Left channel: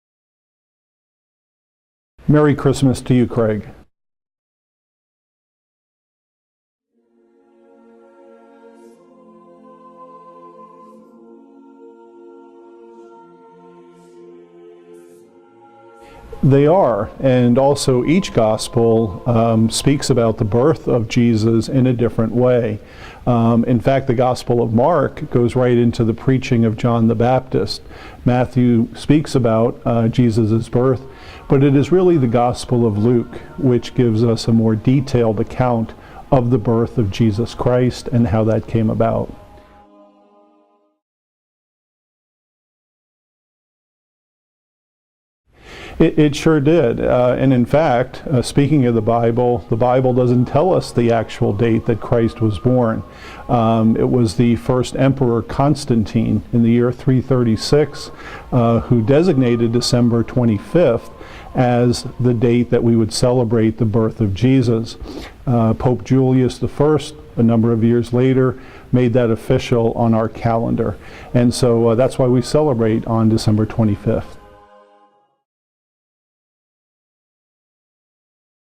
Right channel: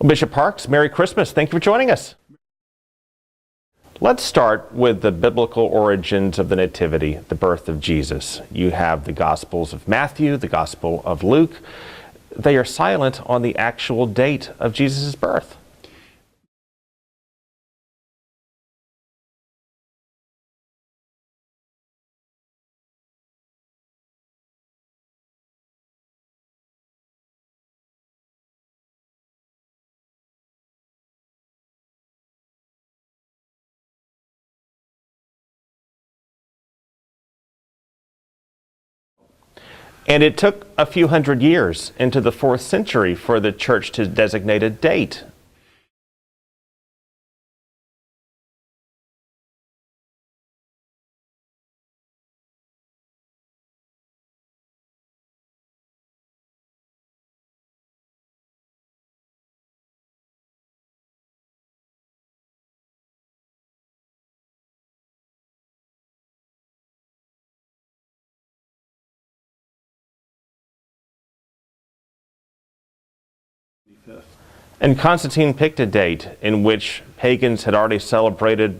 Well, Bishop Parkes, Merry Christmas. Thank you for joining us. Merry Christmas to you, Craig. Let's start with the biblical origins of the Nativity, the birth of Jesus. You have the Gospels of Matthew, the Gospel of Luke. They are silent on the actual date of Jesus' birth. They are, and also each Gospel speaks about the birth of Jesus in a different way. In fact, the Gospel of Mark goes right into the preaching of John the Baptist. Matthew speaks about Jesus' birth, but it is really the Gospel of Luke which gives us a more detailed account of the birth of Jesus Christ and how that came about. And it took a few hundred years into the 4th century for the church to designate a date. It sure did. And in fact, speaking of the Bible doesn't tell us the actual date that Christ was born. It was the first emperor, Constantine, in the year 336, who designated December 25th as the date that we would celebrate the birth of Jesus. Pope Julius I, a number of years later, made that official on our calendar. And so that's why we celebrate on December 25th. And Constantine picked a date in which pagans had already celebrated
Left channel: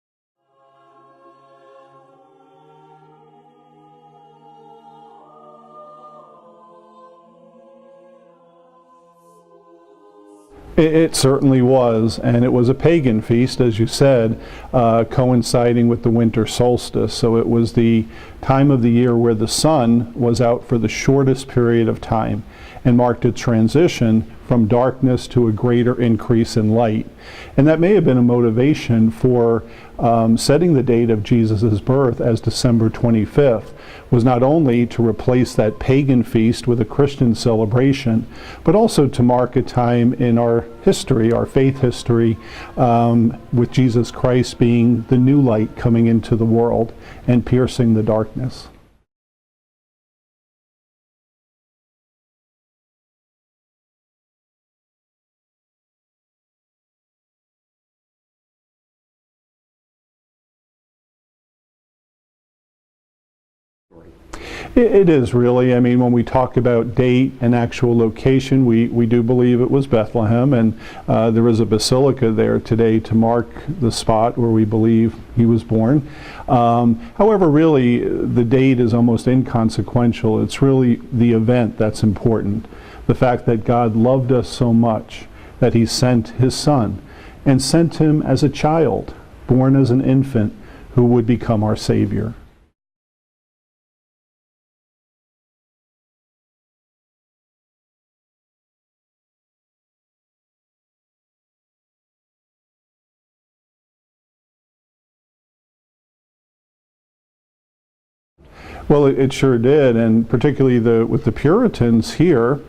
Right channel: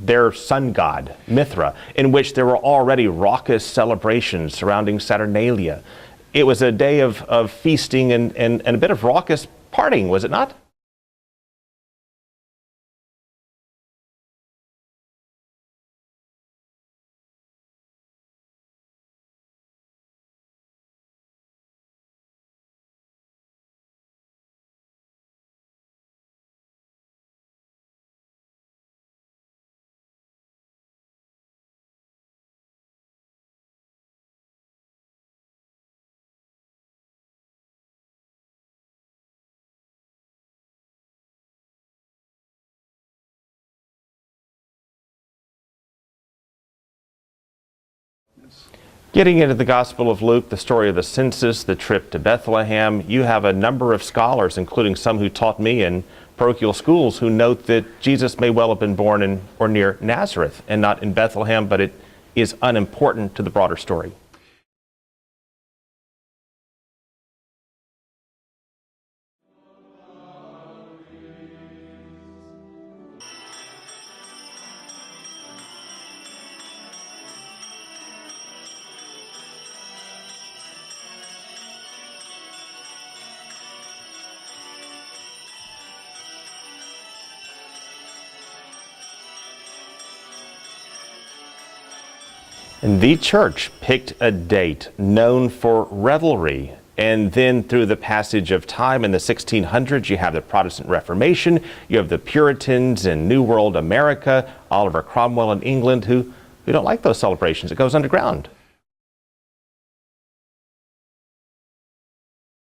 their sun god, Mithra, in which there were already raucous celebrations surrounding Saturnalia. It was a day of feasting and a bit of raucous partying, was it not? It certainly was, and it was a pagan feast, as you said, coinciding with the winter solstice. So it was the time of the year where the sun was out for the shortest period of time and marked a transition from darkness to a greater increase in light. And that may have been a motivation for setting the date of Jesus' birth as December 25th, was not only to replace that pagan feast with a Christian celebration, but also to mark a time in our history, our faith history, with Jesus Christ being the new light coming into the world and piercing the darkness. Getting into the Gospel of Luke, the story of the census, the trip to Bethlehem, you have a number of scholars, including some who taught me in parochial schools, who note that Jesus may well have been born in or near Nazareth and not in Bethlehem, but it is unimportant to the broader story. It is really. I mean, when we talk about date and actual location, we do believe it was Bethlehem, and there is a basilica there today to mark the spot where we believe he was born. However, really, the date is almost inconsequential. It's really the event that's important. The fact that God loved us so much that he sent his son, and sent him as a child, born as an infant, who would become our Savior. And the church picked a date known for revelry. And then through the passage of time in the 1600s, you have the Protestant Reformation, you have the Puritans in New World America, Oliver Cromwell in England, who don't like those celebrations. It goes underground. Well, it sure did, and particularly with the Puritans here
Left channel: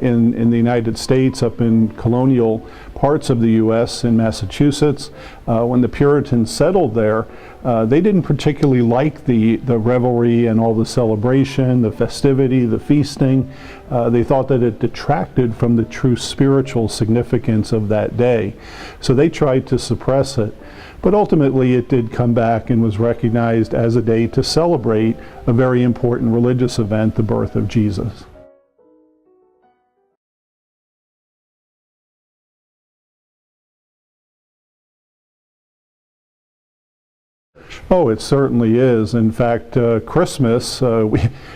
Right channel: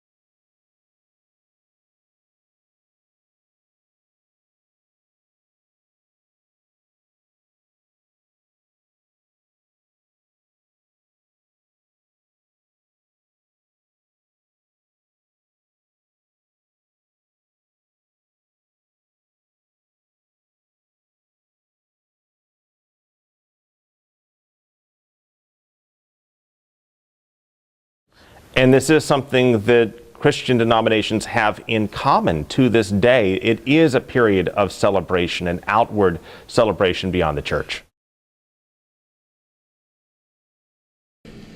in the United States, up in colonial parts of the U.S. in Massachusetts. When the Puritans settled there, they didn't particularly like the revelry and all the celebration, the festivity, the feasting. They thought that it detracted from the true spiritual significance of that day. So they tried to suppress it. But ultimately it did come back and was recognized as a day to celebrate a very important religious event, the birth of Jesus. And this is something that Christian denominations have in common to this day. It is a period of celebration, an outward celebration beyond the church. Oh, it certainly is. In fact, Christmas,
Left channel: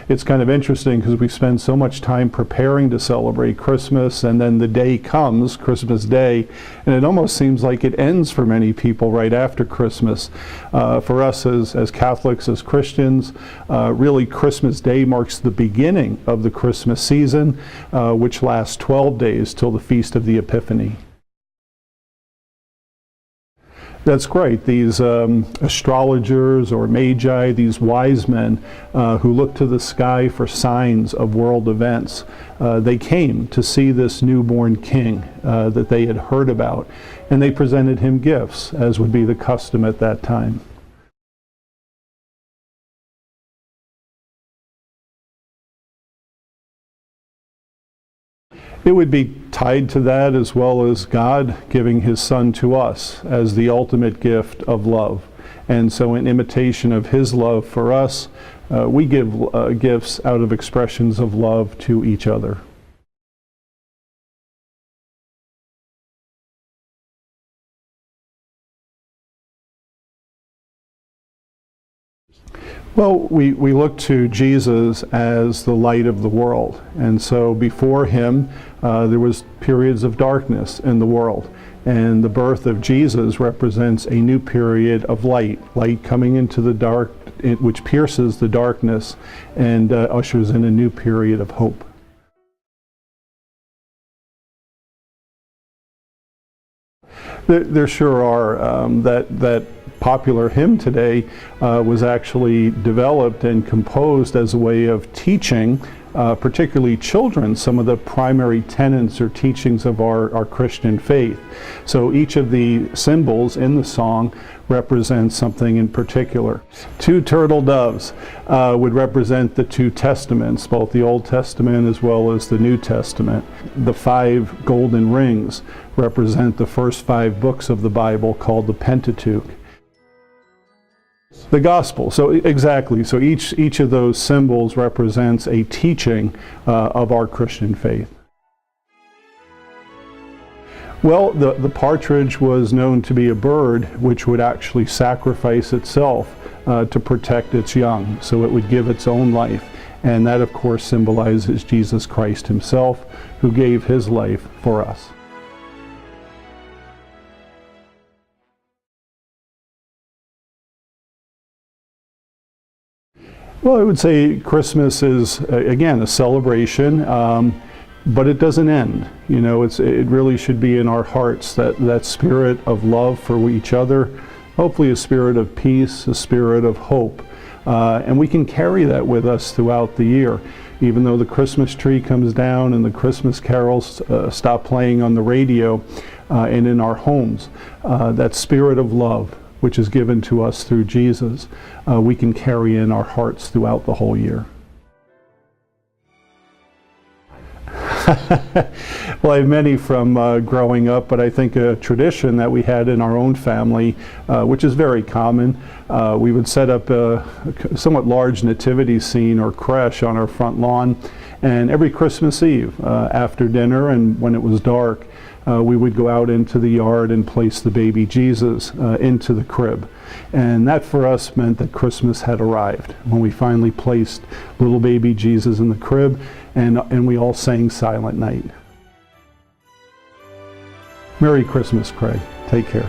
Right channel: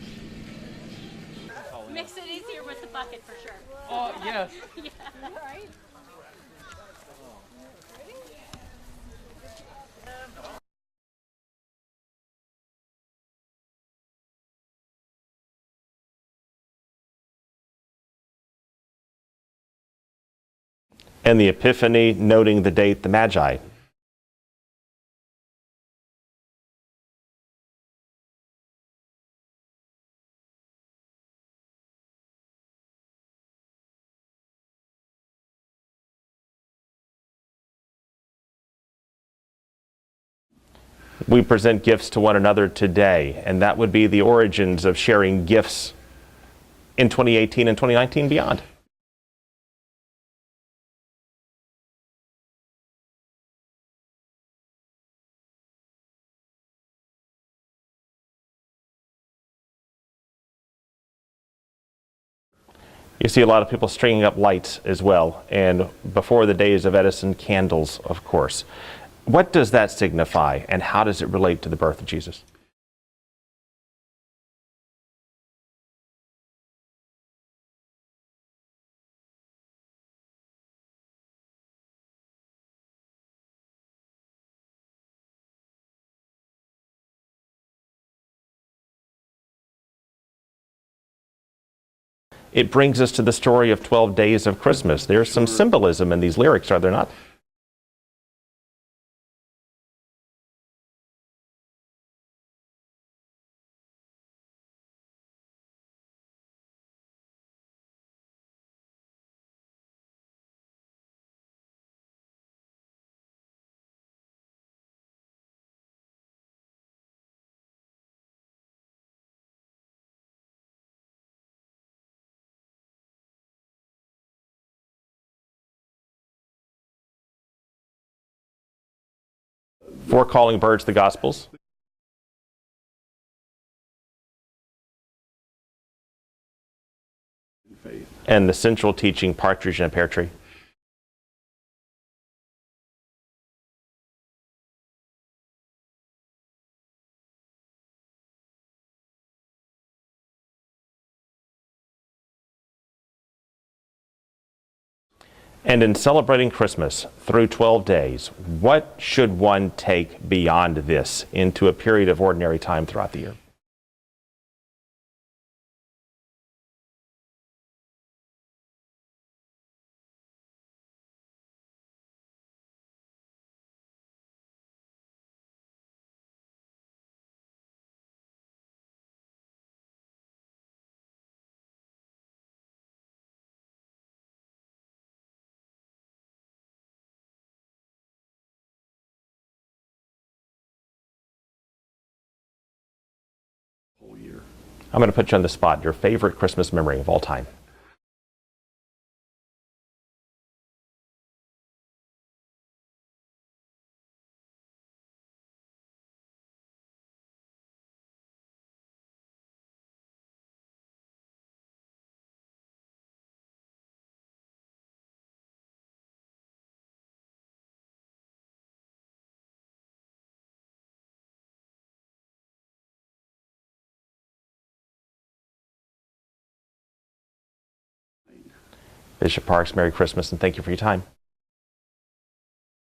it's kind of interesting because we spend so much time preparing to celebrate Christmas, and then the day comes, Christmas Day, and it almost seems like it ends for many people right after Christmas. For us as Catholics, as Christians, really Christmas Day marks the beginning of the Christmas season, which lasts 12 days till the Feast of the Epiphany. And the Epiphany, noting the date, the Magi. That's great. These astrologers or magi, these wise men who look to the sky for signs of world events, they came to see this newborn king that they had heard about, and they presented him gifts, as would be the custom at that time. We present gifts to one another today, and that would be the origins of sharing gifts in 2018 and 2019 beyond. It would be tied to that, as well as God giving his son to us as the ultimate gift of love. And so in imitation of his love for us, we give gifts out of expressions of love to each other. You see a lot of people stringing up lights as well, and before the days of Edison, candles, of course. What does that signify, and how does it relate to the birth of Jesus? Well, we look to Jesus as the light of the world, and so before him there was periods of darkness in the world, and the birth of Jesus represents a new period of light coming into the dark, which pierces the darkness and ushers in a new period of hope. It brings us to the story of 12 Days of Christmas. There's some symbolism in these lyrics, are there not? There sure are. That popular hymn today was actually developed and composed as a way of teaching, particularly children, some of the primary tenets or teachings of our Christian faith. So each of the symbols in the song represents something in particular. Two turtle doves would represent the two testaments, both the Old Testament as well as the New Testament. The 5 golden rings represent the first 5 books of the Bible, called the Pentateuch. 4 calling birds, the Gospels? The Gospel, so exactly. So each of those symbols represents a teaching of our Christian faith. And the central teaching, partridge in a pear tree? Well, the partridge was known to be a bird which would actually sacrifice itself to protect its young, so it would give its own life. And that, of course, symbolizes Jesus Christ himself, who gave his life for us. And in celebrating Christmas through 12 days, what should one take beyond this into a period of ordinary time throughout the year? Well, I would say Christmas is, again, a celebration, but it doesn't end. You know, it really should be in our hearts, that spirit of love for each other, hopefully a spirit of peace, a spirit of hope. And we can carry that with us throughout the year. Even though the Christmas tree comes down and the Christmas carols stop playing on the radio and in our homes, that spirit of love, which is given to us through Jesus, we can carry in our hearts throughout the whole year. I'm going to put you on the spot. Your favorite Christmas memory of all time? Well, I have many from growing up, but I think a tradition that we had in our own family, which is very common, we would set up a somewhat large nativity scene or creche on our front lawn, and every Christmas Eve after dinner and when it was dark, we would go out into the yard and place the baby Jesus into the crib. And that for us meant that Christmas had arrived, when we finally placed little baby Jesus in the crib, and we all sang Silent Night. Bishop Parkes, Merry Christmas, and thank you for your time. Merry Christmas, Craig. Take care.